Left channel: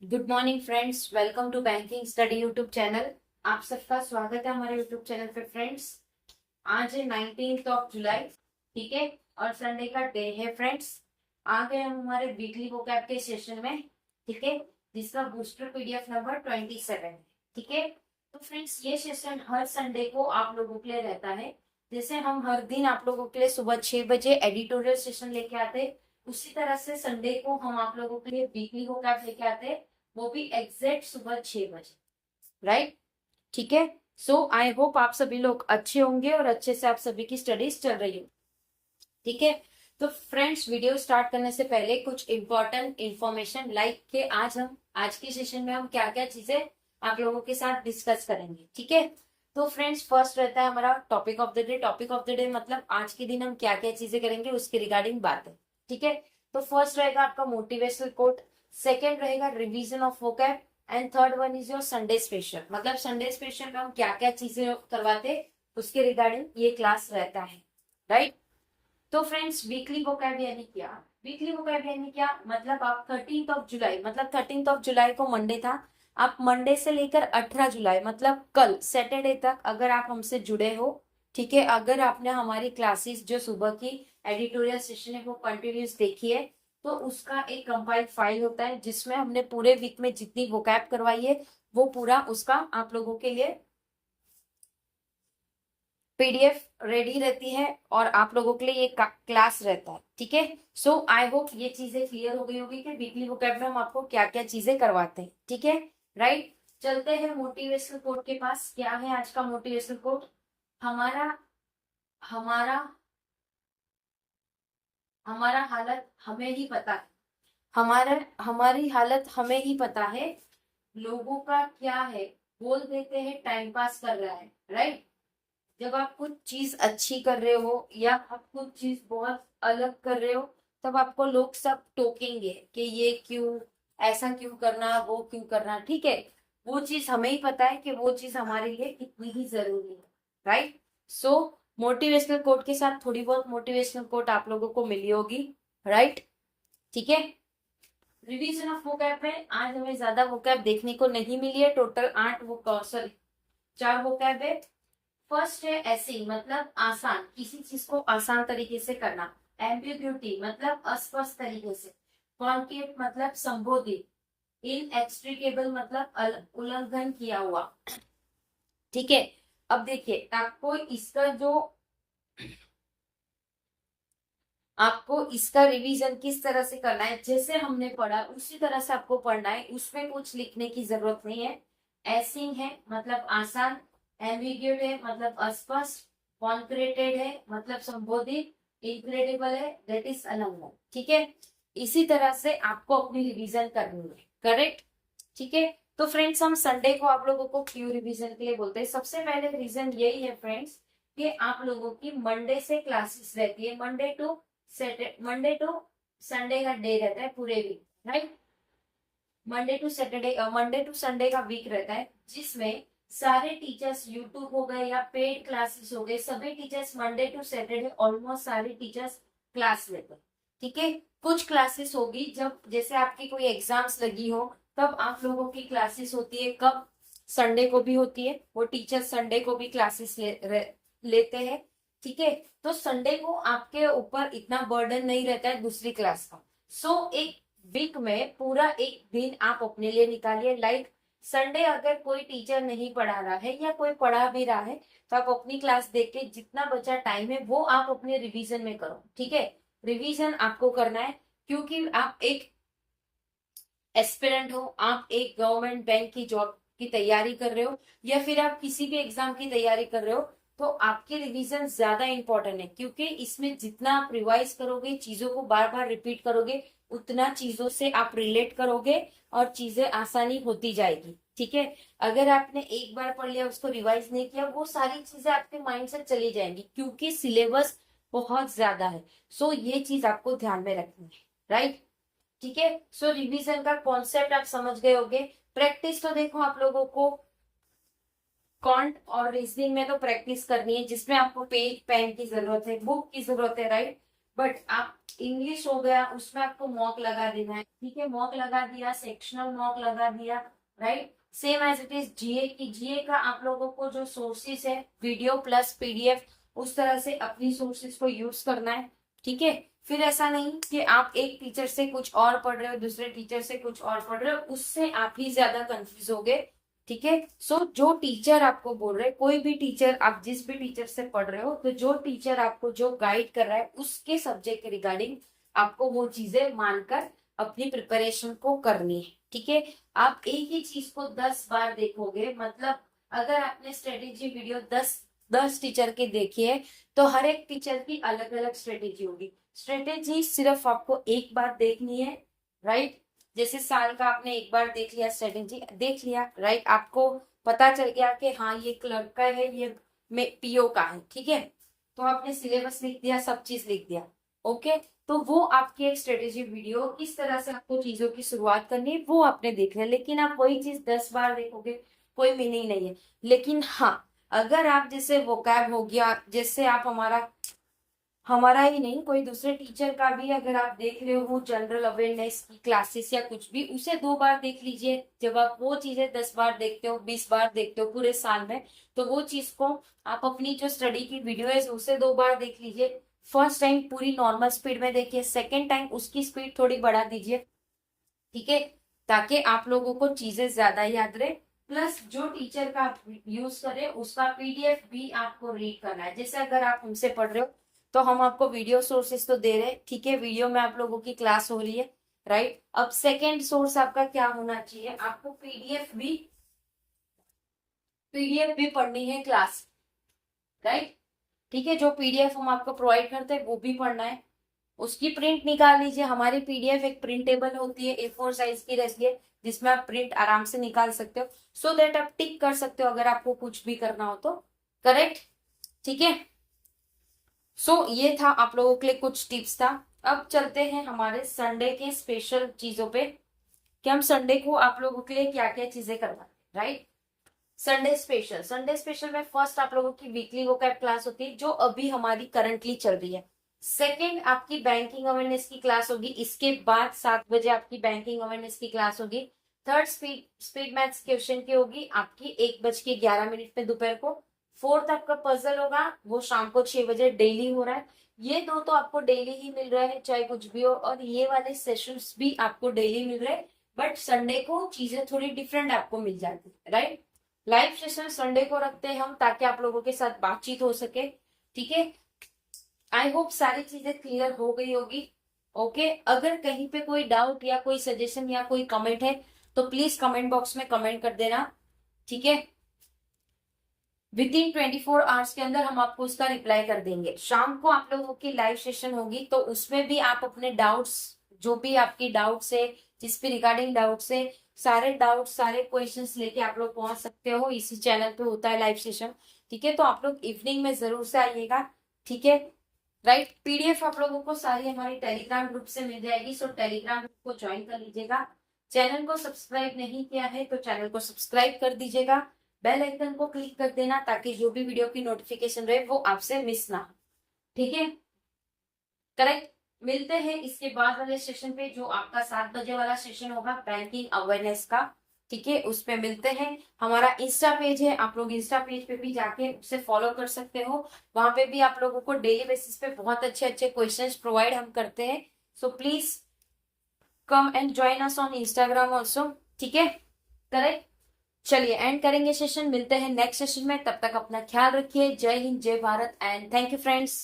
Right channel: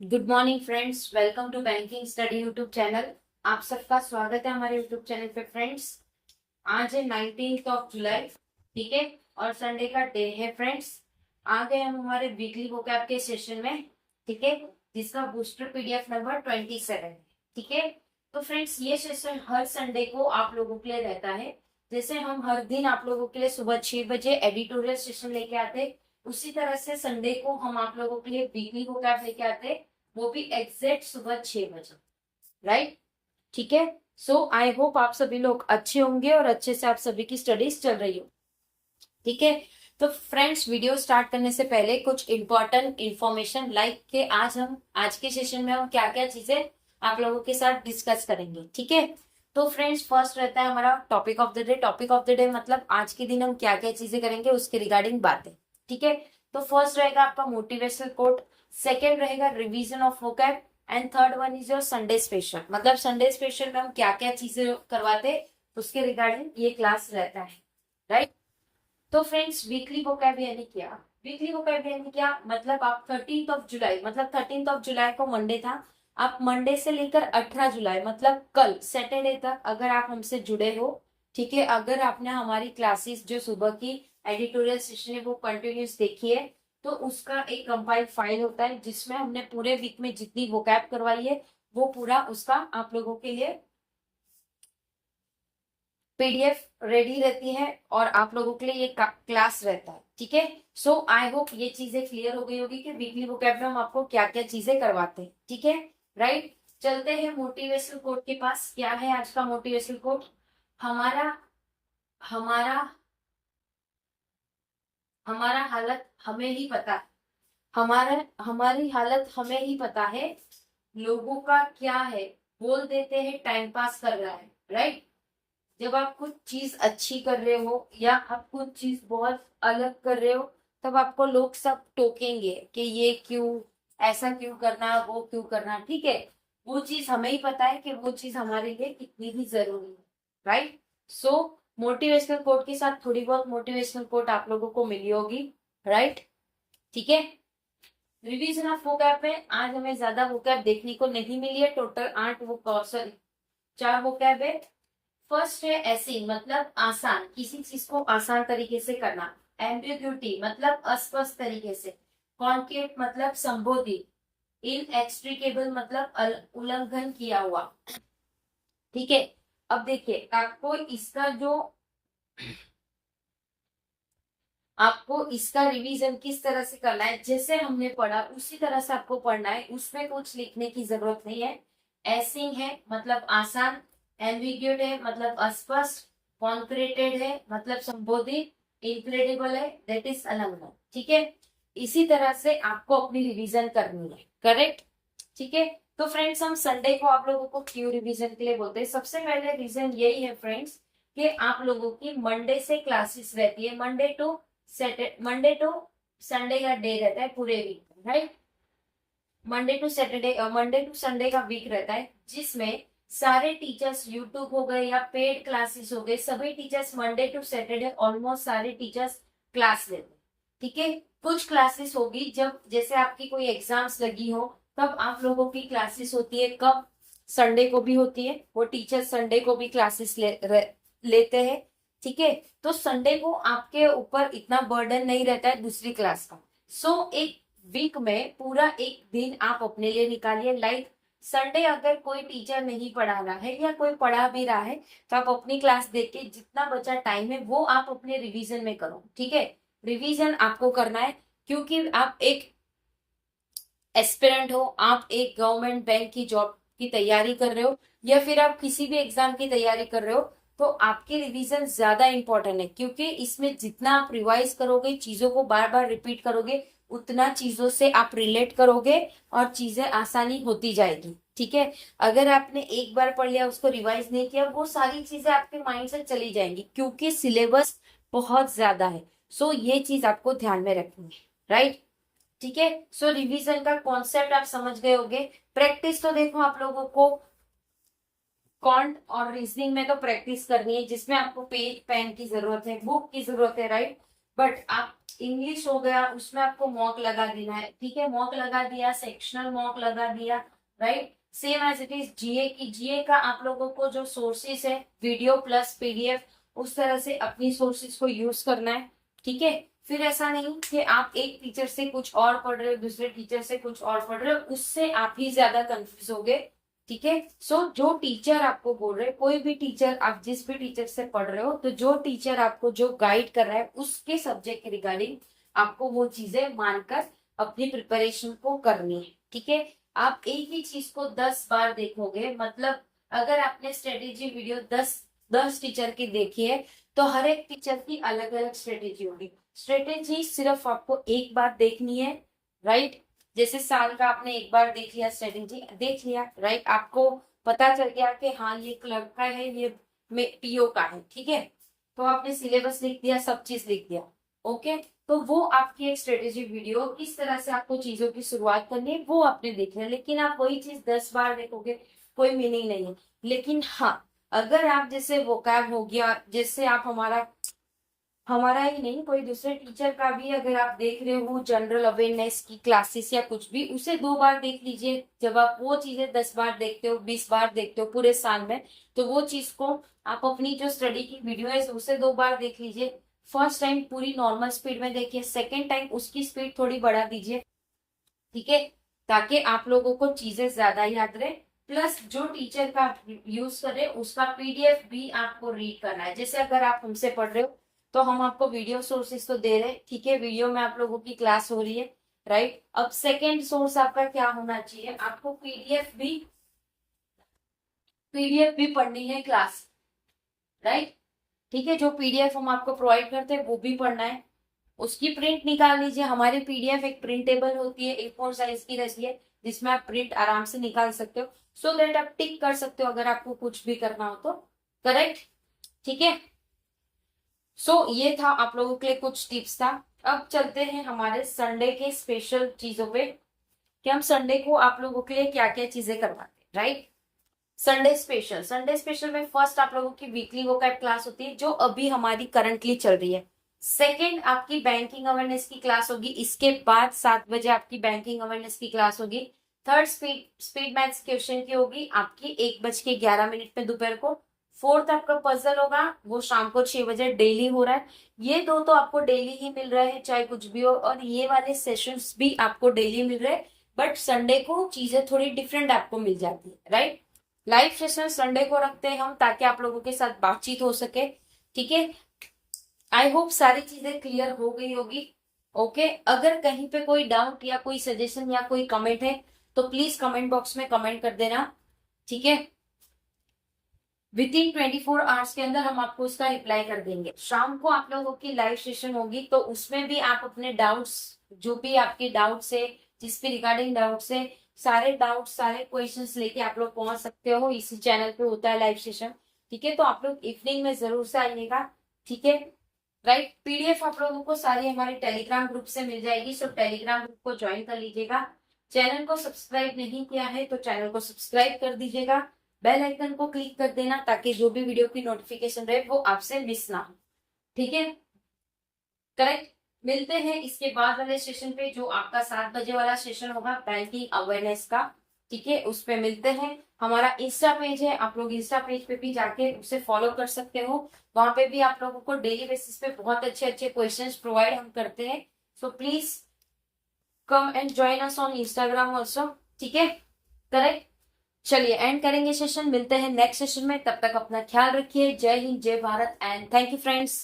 Good morning friends, welcome to banking study YouTube channel. आप सबका स्वागत है हमारे यूट्यूब चैनल पे फ्रेंड्स। आज है 19th ऑफ जुलाई, ठीक है, और संडे का डे है फ्रेंड्स। आ गए हम हमारे वीकली वोकैब के सेशन में, ठीक है, जिसका बूस्टर पीडीएफ नंबर 27 है, ठीक है। तो फ्रेंड्स, ये सेशन हर संडे को आप लोगों के लिए रहता है। जैसे हम हर दिन आप लोगों के लिए सुबह 6 बजे एडिटोरियल सेशन लेके आते, उसी तरह से संडे को हम आप लोगों के लिए वीकली वोकैब लेके आते, वो भी एग्जैक्ट सुबह 6 बजे, राइट। ठीक है। सो आई होप आप सभी लोग अच्छे होंगे और अच्छे से आप सभी की स्टडीज चल रही हो, ठीक है। तो फ्रेंड्स, वीडियो स्टार्ट करने से पहले कुछ इंपॉर्टेंट इंफॉर्मेशन, लाइक के आज के सेशन में हम क्या क्या चीजें आप लोगों के साथ डिस्कस करेंगे, ठीक है। तो फ्रेंड्स, फर्स्ट रहता है हमारा topic of the day. Topic of the day मतलब आज के दिन हम क्या क्या चीजें करेंगे उसके रिगार्डिंग बातें, ठीक है। तो फर्स्ट रहेगा आपका मोटिवेशनल कोट, सेकेंड रहेगा revision of vocab, and third one is your Sunday special. मतलब संडे स्पेशल में हम क्या क्या चीजें करवाते उसके रिगार्डिंग ये क्लास रहता है, राइट। तो फ्रेंड्स, वीकली वोकैब यानी क्या? वीकली वोकैब यानी क्या मतलब आप 13th ऑफ जुलाई, मतलब 13th ऑफ जुलाई को मंडे था, आप मंडे से लेकर 18 जुलाई मतलब कल सैटरडे तक अगर आप हमसे जुड़े हो, ठीक है, अगर आपने हमारी क्लासेस जो सुबह की एडिटोरियल सेशन है वो कंटिन्यूस देखी है, तो उसका एक कंपाइल्ड फाइल होता है जिसमें हमने पूरे वीक में जितनी वोकैब करवाई है वो पूरा उसका आप लोगों के लिए पीडीएफ रेडी रहती है और आप लोगों के लिए ये क्लास रहता है, ठीक है। सो आई होप ये चीजें क्लियर हो गई होगी कि वीकली वोकैब में हम आपको क्या क्या चीजें करवाते हैं, ठीक है, राइट। चलते हैं मोटिवेशनल कोट के पास। क्या है आज का मोटिवेशनल कोट? हमारा हमारा हमारा हालत हमें ही पता है। हमारी हालत हमें ही पता है, लोगों का क्या है, बोल देते हैं टाइम पास कर रहा है, राइट। जब आप कुछ चीज अच्छी कर रहे हो या आप कुछ चीज बहुत अलग कर रहे हो, तब आपको लोग सब टोकेंगे कि ये क्यों, ऐसा क्यों करना, वो क्यों करना, ठीक है। वो चीज हमें ही पता है कि वो चीज हमारे लिए कितनी ही जरूरी है, राइट। सो मोटिवेशनल कोट के साथ थोड़ी बहुत मोटिवेशनल कोट आप लोगों को मिली होगी, राइट, ठीक है। रिवीजन ऑफ वोकैब में आज हमें ज्यादा वोकैब देखने को नहीं मिली है, टोटल 8 वो सॉरी 4 वोकैब है। फर्स्ट है ऐसी, मतलब आसान, किसी चीज को आसान तरीके से करना। एम्बिग्यूटी मतलब अस्पष्ट तरीके से। कॉन्केट मतलब संबोधित। इनएक्सट्रिकेबल मतलब उल्लंघन किया हुआ, ठीक है। अब देखिए, आपको इसका रिवीजन किस तरह से करना है, जैसे हमने पढ़ा उसी तरह से आपको पढ़ना है, उसमें कुछ लिखने की जरूरत नहीं है। ऐसिंग है मतलब आसान, एम्बिग्यूट है मतलब अस्पष्ट, कॉन्क्रेटेड है मतलब संबोधित, इनक्रेडिबल है दैट इज उल्लंघन, ठीक है। इसी तरह से आपको अपनी रिवीजन करनी है, करेक्ट, ठीक है। तो फ्रेंड्स, हम संडे को आप लोगों को क्यों रिवीजन के लिए बोलते हैं? सबसे पहले रीजन यही है फ्रेंड्स कि आप लोगों की मंडे से क्लासेस रहती है, मंडे टू संडे का डे रहता है पूरे week, right. Monday to Sunday का वीक रहता है जिसमें सारे टीचर्स, यूट्यूब हो गए या पेड क्लासेस हो गए, सभी teachers Monday to Saturday almost सारे टीचर्स क्लास लेते हैं, ठीक है। कुछ क्लासेस होगी जब जैसे आपकी कोई एग्जाम्स लगी हो, तब आप लोगों की क्लासेस होती है, कब? संडे को भी होती है, वो टीचर्स संडे को भी क्लासेस लेते हैं, ठीक है। तो संडे को आपके ऊपर इतना बर्डन नहीं रहता है दूसरी क्लास का। एक वीक में पूरा एक दिन आप अपने लिए निकालिए, लाइक संडे अगर कोई टीचर नहीं पढ़ा रहा है या कोई पढ़ा भी रहा है, तो आप अपनी क्लास देख के जितना बचा टाइम है वो आप अपने रिवीजन में करो, ठीक है। रिवीजन आपको करना है क्योंकि आप एक एस्पिरेंट हो, आप एक गवर्नमेंट बैंक की जॉब की तैयारी कर रहे हो या फिर आप किसी भी एग्जाम की तैयारी कर रहे हो, तो आपकी रिवीजन ज्यादा इंपॉर्टेंट है क्योंकि इसमें जितना आप रिवाइज करोगे, चीजों को बार बार रिपीट करोगे, उतना चीजों से आप रिलेट करोगे और चीजें आसानी होती जाएगी, ठीक है। अगर आपने एक बार पढ़ लिया, उसको रिवाइज नहीं किया, वो सारी चीजें आपके माइंड से चली जाएंगी क्योंकि सिलेबस बहुत ज्यादा है। ये चीज आपको ध्यान में रखनी है, राइट, ठीक है। रिवीजन का कॉन्सेप्ट आप समझ गए होंगे। प्रैक्टिस तो देखो, आप लोगों को कॉन्ट और रीजनिंग में तो प्रैक्टिस करनी है जिसमें आपको पेन की जरूरत है, बुक की जरूरत है, राइट। बट आप इंग्लिश हो गया उसमें आपको मॉक लगा देना है, ठीक है, मॉक लगा दिया, सेक्शनल मॉक लगा दिया, right. Same as it is GA की, जीए का आप लोगों को जो सोर्सेस है वीडियो प्लस पीडीएफ, उस तरह से अपनी सोर्सेस को यूज करना है, ठीक है। फिर ऐसा नहीं कि आप एक टीचर से कुछ और पढ़ रहे हो, दूसरे टीचर से कुछ और पढ़ रहे हो, उससे आप ही ज्यादा कंफ्यूज होगे, ठीक है। सो जो टीचर आपको बोल रहे, कोई भी टीचर, आप जिस भी टीचर से पढ़ रहे हो, तो जो टीचर आपको जो गाइड कर रहा है उसके सब्जेक्ट के रिगार्डिंग आपको वो चीजें मानकर अपनी प्रिपरेशन को करनी है, ठीक है। आप एक ही चीज को 10 बार देखोगे, मतलब अगर आपने स्ट्रेटेजी वीडियो 10 टीचर की देखी है, तो हर एक टीचर की अलग अलग स्ट्रेटेजी होगी। स्ट्रेटेजी सिर्फ आपको एक बार देखनी है, राइट। जैसे साल का आपने एक बार देख लिया, स्ट्रेटेजी देख लिया, राइट, आपको पता चल गया कि हाँ ये क्लब का है, ये पीओ का है, ठीक है। तो आपने सिलेबस लिख दिया, सब चीज लिख दिया, ओके। तो वो आपकी एक स्ट्रेटेजी वीडियो, किस तरह से आपको चीजों की शुरुआत करनी है वो आपने देखना है। लेकिन आप वही चीज 10 बार देखोगे, कोई मीनिंग नहीं है। लेकिन हाँ, अगर आप जैसे वोकैब हो गया, जैसे आप हमारा ही नहीं, कोई दूसरे टीचर का भी अगर आप देख रहे हो जनरल अवेयरनेस की क्लासेस या कुछ भी, उसे 2 बार देख लीजिए। जब आप वो चीजें 10 बार देखते हो, 20 बार देखते हो पूरे साल में, तो वो चीज को आप अपनी जो स्टडी की वीडियो है उसे 2 बार देख लीजिए। फर्स्ट टाइम पूरी नॉर्मल स्पीड में देखिए, सेकेंड टाइम उसकी स्पीड थोड़ी बढ़ा दीजिए, ठीक है, ताकि आप लोगों को चीजें ज्यादा याद रहे। प्लस जो टीचर का आप यूज कर रहे हैं उसका पीडीएफ भी आपको रीड करना है। जैसे अगर आप हमसे पढ़ रहे हो तो हम आपको वीडियो सोर्सेस तो दे रहे हैं, ठीक है, वीडियो में आप लोगों की क्लास हो रही है, राइट। अब सेकेंड सोर्स आपका क्या होना चाहिए, आपको पीडीएफ भी पढ़नी है क्लास, राइट, ठीक है। जो पीडीएफ हम आपको प्रोवाइड करते हैं वो भी पढ़ना है, उसकी प्रिंट निकाल लीजिए। हमारी पीडीएफ एक प्रिंटेबल होती है, A4 साइज की रहती है, जिसमें आप प्रिंट आराम से निकाल सकते हो, सो दैट आप टिक कर सकते हो अगर आपको कुछ भी करना हो तो, करेक्ट, ठीक है। सो ये था आप लोगों के लिए कुछ टिप्स था। अब चलते हैं हमारे संडे के स्पेशल चीजों पे, कि हम संडे को आप लोगों के लिए क्या क्या चीजें करवाते हैं, राइट। संडे स्पेशल में फर्स्ट आप लोगों की वीकली वोकैब क्लास होती है, जो अभी हमारी करंटली चल रही है। सेकेंड आपकी बैंकिंग अवेयरनेस की क्लास होगी, इसके बाद 7 बजे आपकी बैंकिंग अवेयरनेस की क्लास होगी। थर्ड स्पीड मैथ्स क्वेश्चन की होगी आपकी 1:11 में दोपहर को। फोर्थ आपका पजल होगा, वो शाम को 6 बजे डेली हो रहा है। ये दो तो आपको डेली ही मिल रहे हैं चाहे कुछ भी हो, और ये वाले सेशंस भी आपको डेली मिल रहे हैं, बट संडे को चीजें थोड़ी डिफरेंट आपको मिल जाती है, राइट। लाइव सेशन संडे को रखते हैं हम, ताकि आप लोगों के साथ बातचीत हो सके, ठीक है। आई होप सारी चीजें क्लियर हो गई होगी, ओके। अगर कहीं पे कोई डाउट या कोई सजेशन या कोई कमेंट है तो प्लीज कमेंट बॉक्स में कमेंट कर देना, ठीक है। विद इन 24 आवर्स के अंदर हम आपको उसका रिप्लाई कर देंगे। शाम को आप लोगों की लाइव सेशन होगी, तो उसमें भी आप अपने डाउट्स, जो भी आपके डाउट्स है, जिस भी रिगार्डिंग डाउट्स है, सारे डाउट्स सारे क्वेश्चंस लेके आप लोग पहुंच सकते हो। इसी चैनल पे होता है लाइव सेशन, ठीक है। तो आप लोग इवनिंग में जरूर से आइएगा, ठीक है, राइट। पीडीएफ आप लोगों को सारी हमारे टेलीग्राम ग्रुप से मिल जाएगी, सो टेलीग्राम ग्रुप को ज्वाइन कर लीजिएगा। चैनल को सब्सक्राइब नहीं किया है तो चैनल को सब्सक्राइब कर दीजिएगा, बेल आइकन को क्लिक कर देना, ताकि जो भी वीडियो की नोटिफिकेशन रहे वो आपसे मिस ना हो, ठीक है, करेक्ट। मिलते हैं इसके बाद वाले सेशन पे, जो आपका 7 बजे वाला सेशन होगा बैंकिंग अवेयरनेस का, ठीक है, उस पे मिलते हैं। हमारा इंस्टा पेज है, आप लोग इंस्टा पेज पे भी जाके उसे फॉलो कर सकते हो। वहां पे भी आप लोगों को डेली बेसिस पे बहुत अच्छे अच्छे क्वेश्चंस प्रोवाइड हम करते हैं, so please come and join us on Instagram also, ठीक है, करेक्ट। चलिए एंड करेंगे सेशन, मिलते हैं नेक्स्ट सेशन में, तब तक अपना ख्याल रखिए। जय हिंद, जय Bharat, and thank you friends.